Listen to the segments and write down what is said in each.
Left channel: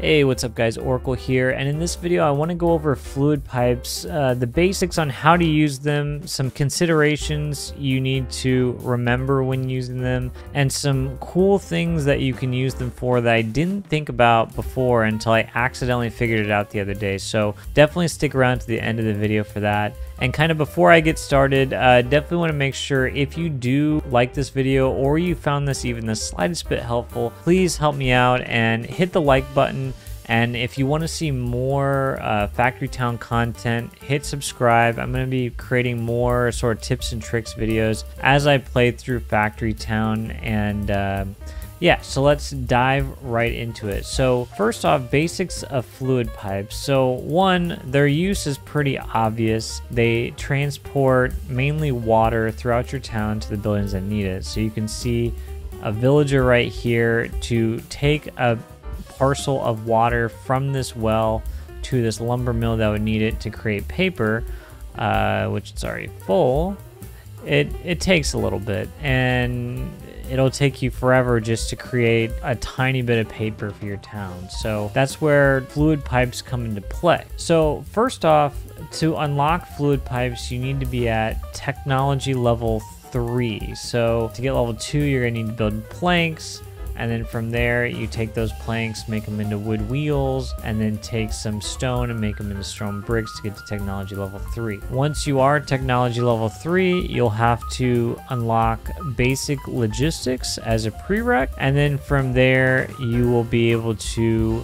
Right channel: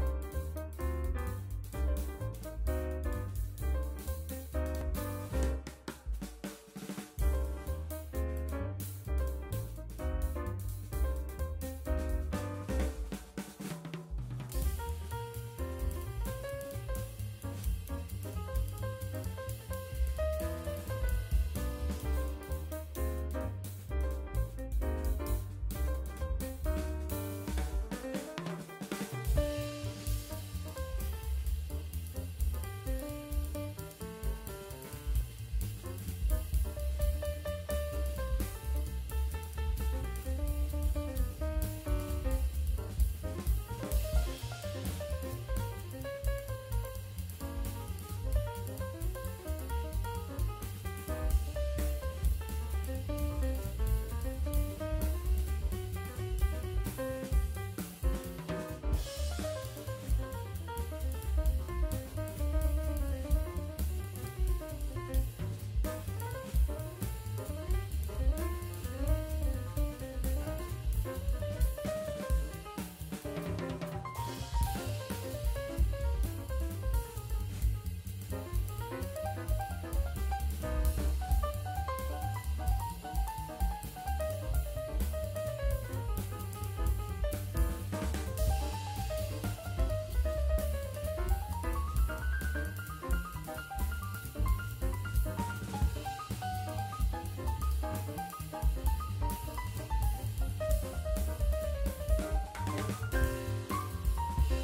Hey, what's up guys, Oracle here, and in this video I want to go over fluid pipes, the basics on how to use them, some considerations you need to remember when using them, and some cool things that you can use them for that I didn't think about before until I accidentally figured it out the other day. So definitely stick around to the end of the video for that. And kind of before I get started, definitely want to make sure if you do like this video or you found this even the slightest bit helpful, please help me out and hit the like button. And if you want to see more Factory Town content, hit subscribe. I'm going to be creating more sort of tips and tricks videos as I play through Factory Town. And yeah, so let's dive right into it. So first off, basics of fluid pipes. So one, their use is pretty obvious. They transport mainly water throughout your town to the buildings that need it. So you can see a villager right here to take a parcel of water from this well to this lumber mill that would need it to create paper, which is already full. It takes a little bit, and it'll take you forever just to create a tiny bit of paper for your town. So that's where fluid pipes come into play. So first off, to unlock fluid pipes, you need to be at technology level 3. So to get level 2, you're gonna need to build planks. And then from there, you take those planks, make them into wood wheels, and then take some stone and make them into stone bricks to get to technology level 3. Once you are technology level 3, you'll have to unlock basic logistics as a prereq. And then from there, you will be able to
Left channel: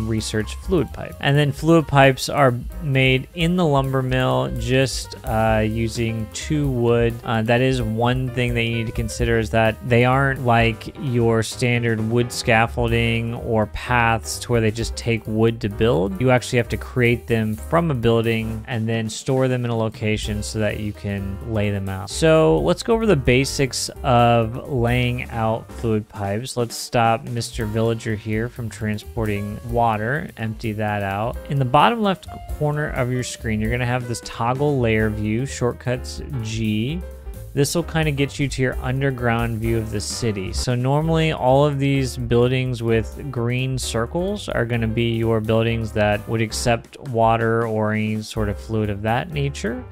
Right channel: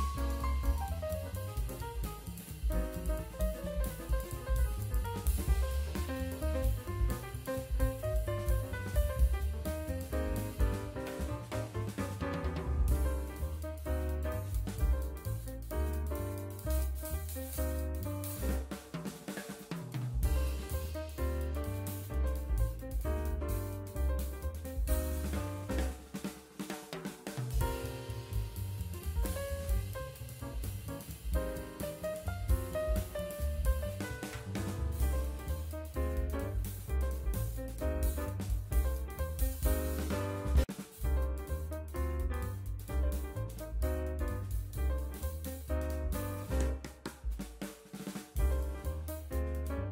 research fluid pipe. And then fluid pipes are made in the lumber mill just using 2 wood. That is one thing that you need to consider, is that they aren't like your standard wood scaffolding or paths to where they just take wood to build. You actually have to create them from a building and then store them in a location so that you can lay them out. So let's go over the basics of laying out fluid pipes. Let's stop Mr. Villager here from transporting water, empty that out. In the bottom left corner of your screen, you're going to have this toggle layer view, shortcuts G. This will kind of get you to your underground view of the city. So normally all of these buildings with green circles are going to be your buildings that would accept water or any sort of fluid of that nature.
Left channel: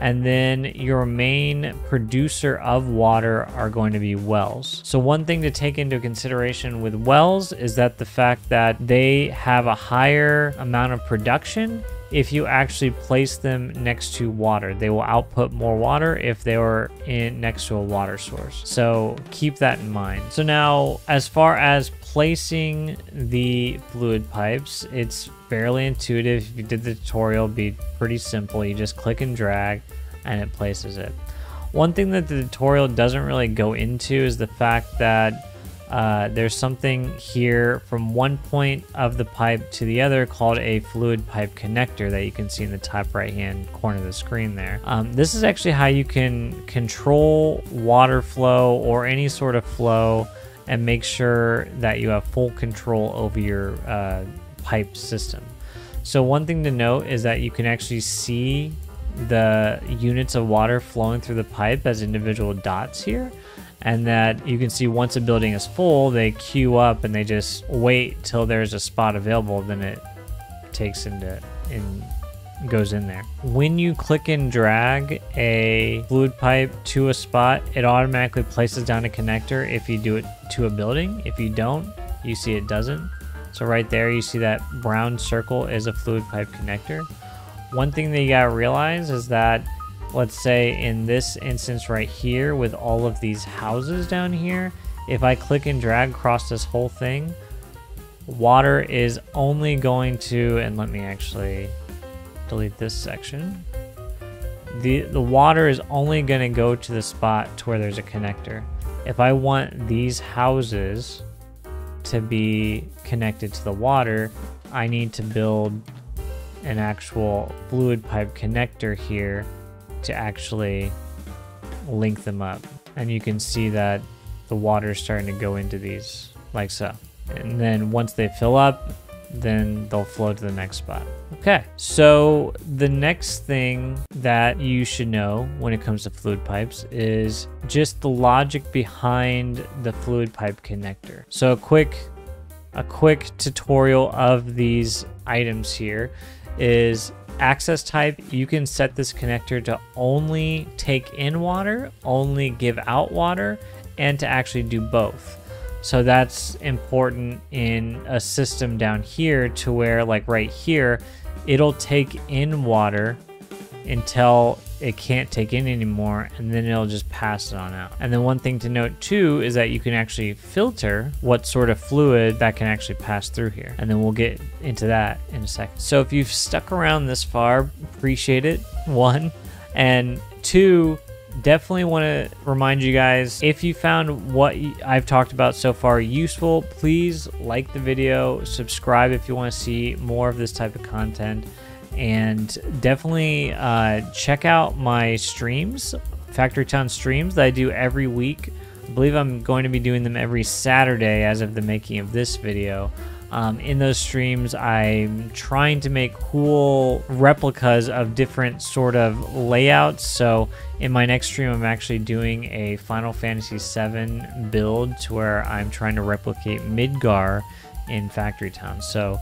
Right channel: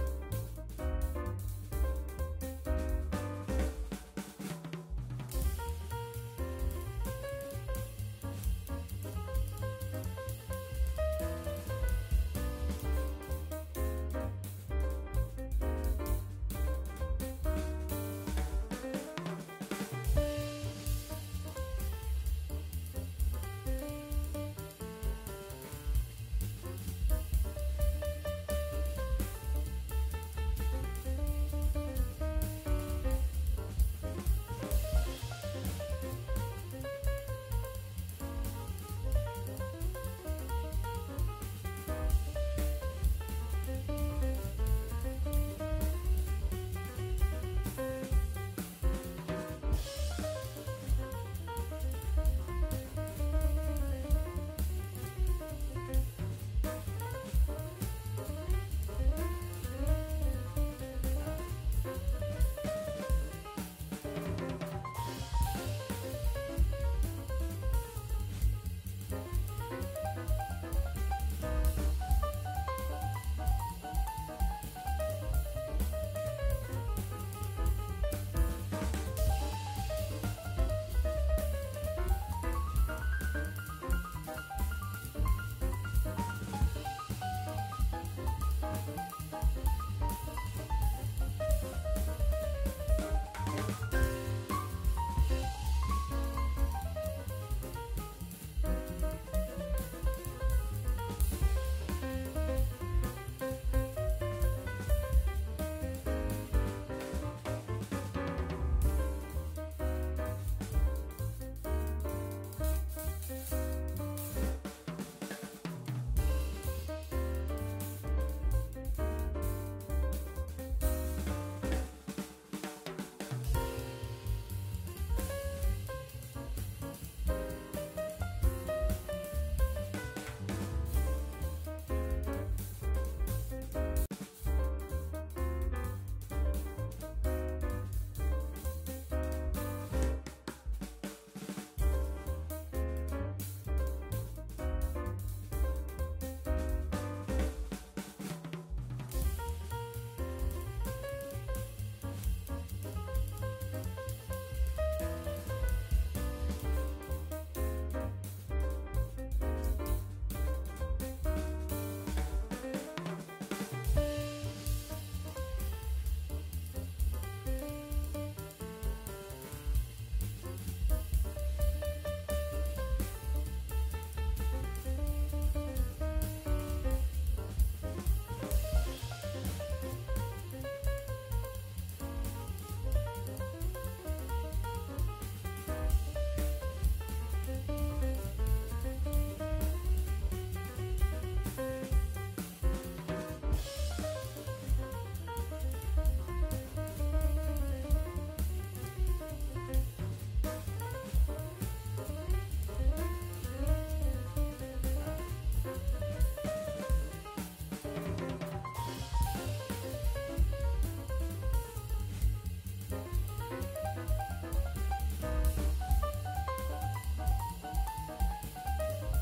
And then your main producer of water are going to be wells. So one thing to take into consideration with wells is that the fact that they have a higher amount of production if you actually place them next to water. They will output more water if they are next to a water source. So keep that in mind. So now, as far as placing the fluid pipes, it's fairly intuitive. If you did the tutorial, it'd be pretty simple. You just click and drag and it places it. One thing that the tutorial doesn't really go into is the fact that there's something here from one point of the pipe to the other called a fluid pipe connector that you can see in the top right hand corner of the screen there. This is actually how you can control water flow or any sort of flow and make sure that you have full control over your pipe system. So one thing to note is that you can actually see the units of water flowing through the pipe as individual dots here, and that you can see once a building is full, they queue up and they just wait till there's a spot available, then it takes goes in there. When you click and drag a fluid pipe to a spot, it automatically places down a connector if you do it to a building. If you don't, you see it doesn't. So right there, you see that brown circle is a fluid pipe connector. One thing that you gotta realize is that, let's say in this instance right here with all of these houses down here, if I click and drag across this whole thing, water is only going to, and let me actually delete this section. The water is only going to go to the spot to where there's a connector. If I want these houses to be connected to the water, I need to build an actual fluid pipe connector here to actually link them up. And you can see that the water is starting to go into these like so. And then once they fill up, then they'll flow to the next spot. Okay, so the next thing that you should know when it comes to fluid pipes is just the logic behind the fluid pipe connector. So a quick a quick tutorial of these items here is access type. You can set this connector to only take in water, only give out water, and to actually do both. So that's important in a system down here to where, like right here, it'll take in water until it can't take in anymore, and then it'll just pass it on out. And then one thing to note too is that you can actually filter what sort of fluid that can actually pass through here, and then we'll get into that in a second. So if you've stuck around this far, appreciate it, one. And two, definitely want to remind you guys, if you found what I've talked about so far useful, please like the video, subscribe if you want to see more of this type of content, and definitely check out my streams, Factory Town streams that I do every week. I believe I'm going to be doing them every Saturday as of the making of this video. In those streams, I'm trying to make cool replicas of different sort of layouts. So in my next stream, I'm actually doing a Final Fantasy VII build to where I'm trying to replicate Midgar in Factory Town. So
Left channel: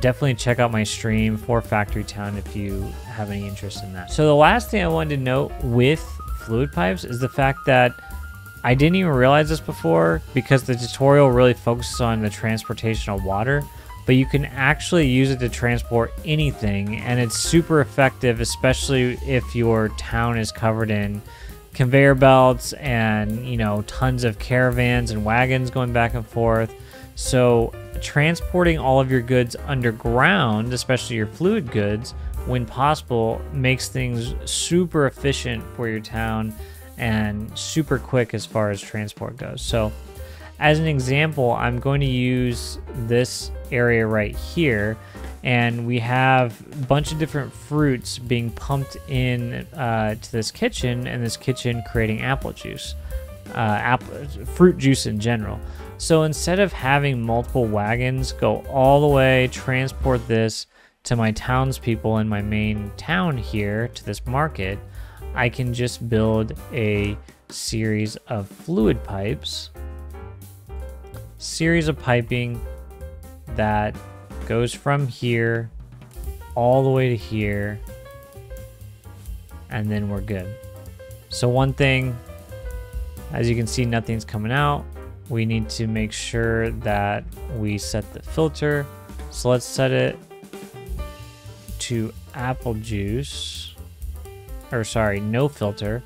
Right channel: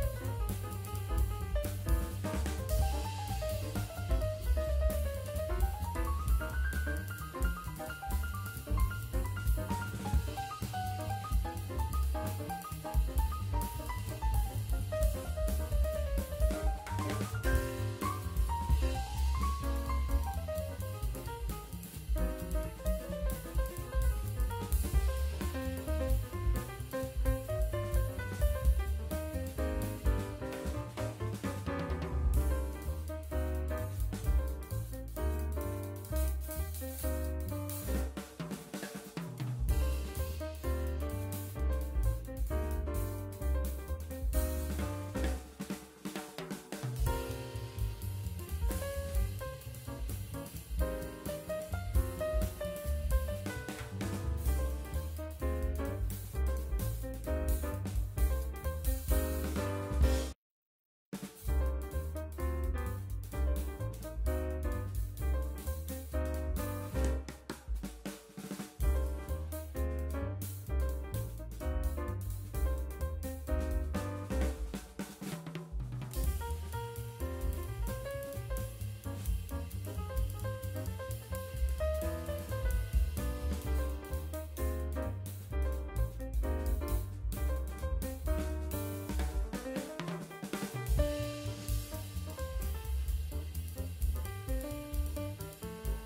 definitely check out my stream for Factory Town if you have any interest in that. So the last thing I wanted to note with fluid pipes is the fact that I didn't even realize this before, because the tutorial really focuses on the transportation of water, but you can actually use it to transport anything, and it's super effective, especially if your town is covered in conveyor belts and, you know, tons of caravans and wagons going back and forth. So transporting all of your goods underground, especially your fluid goods, when possible, makes things super efficient for your town and super quick as far as transport goes. So as an example, I'm going to use this area right here, and we have a bunch of different fruits being pumped in to this kitchen, and this kitchen creating apple juice, fruit juice in general. So instead of having multiple wagons go all the way, transport this to my townspeople in my main town here to this market, I can just build a series of fluid pipes, series of piping that goes from here all the way to here, and then we're good. So one thing, as you can see, nothing's coming out. We need to make sure that we set the filter. So let's set it to apple juice, or sorry, no filter.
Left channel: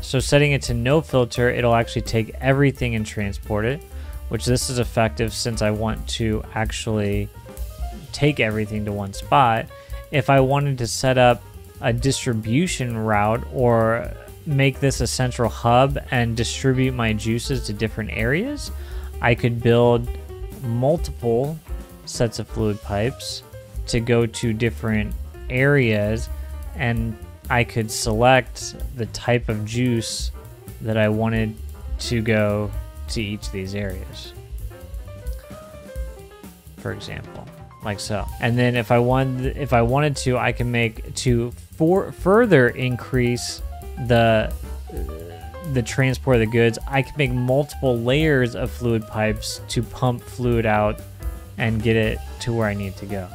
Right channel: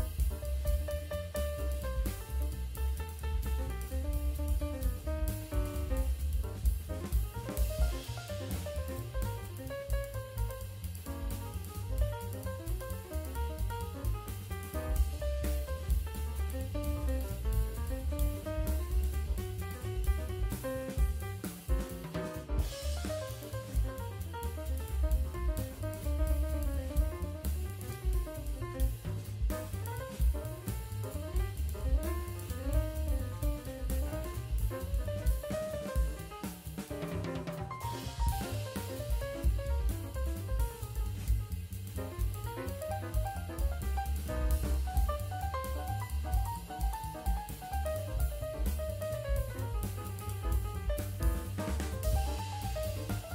So setting it to no filter, it'll actually take everything and transport it, which this is effective since I want to actually take everything to one spot. If I wanted to set up a distribution route or make this a central hub and distribute my juices to different areas, I could build multiple sets of fluid pipes to go to different areas, and I could select the type of juice that I wanted to go to each of these areas, for example, like so. And then if I wanted to, I can make to further increase the transport of the goods, I can make multiple layers of fluid pipes to pump fluid out and get it to where I need to go.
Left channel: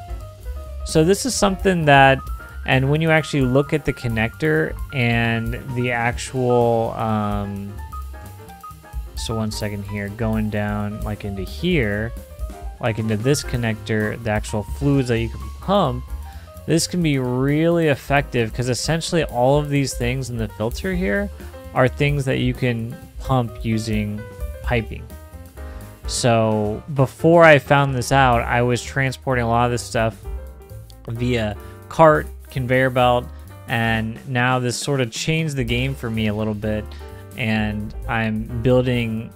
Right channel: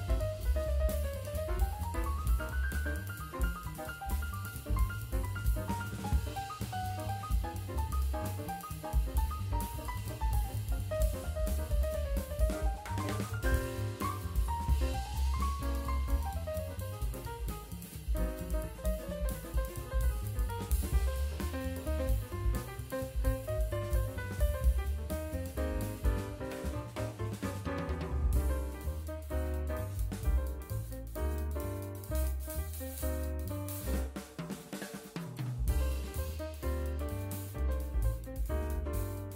So this is something that, and when you actually look at the connector and the actual, so one second here, going down like into here, like into this connector, the actual fluids that you can pump, this can be really effective because essentially all of these things in the filter here are things that you can pump using piping. So before I found this out, I was transporting a lot of this stuff via cart, conveyor belt, and now this sort of changed the game for me a little bit, and I'm building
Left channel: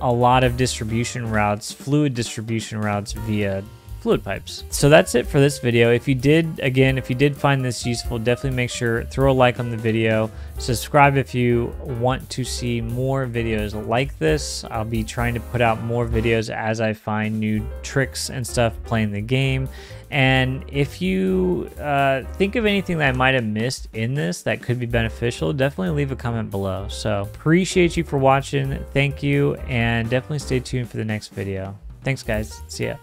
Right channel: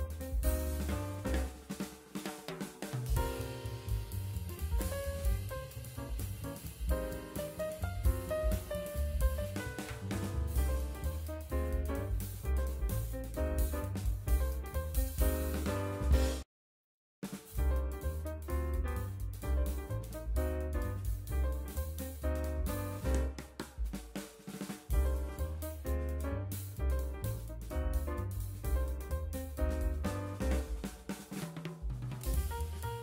a lot of distribution routes, fluid distribution routes via fluid pipes. So that's it for this video. If you did find this useful, definitely make sure throw a like on the video, Subscribe if you want to see more videos like this. I'll be trying to put out more videos as I find new tricks and stuff playing the game. And if you think of anything that I might have missed in this that could be beneficial, definitely leave a comment below. So appreciate you for watching. Thank you, and definitely stay tuned for the next video. Thanks, guys. See ya.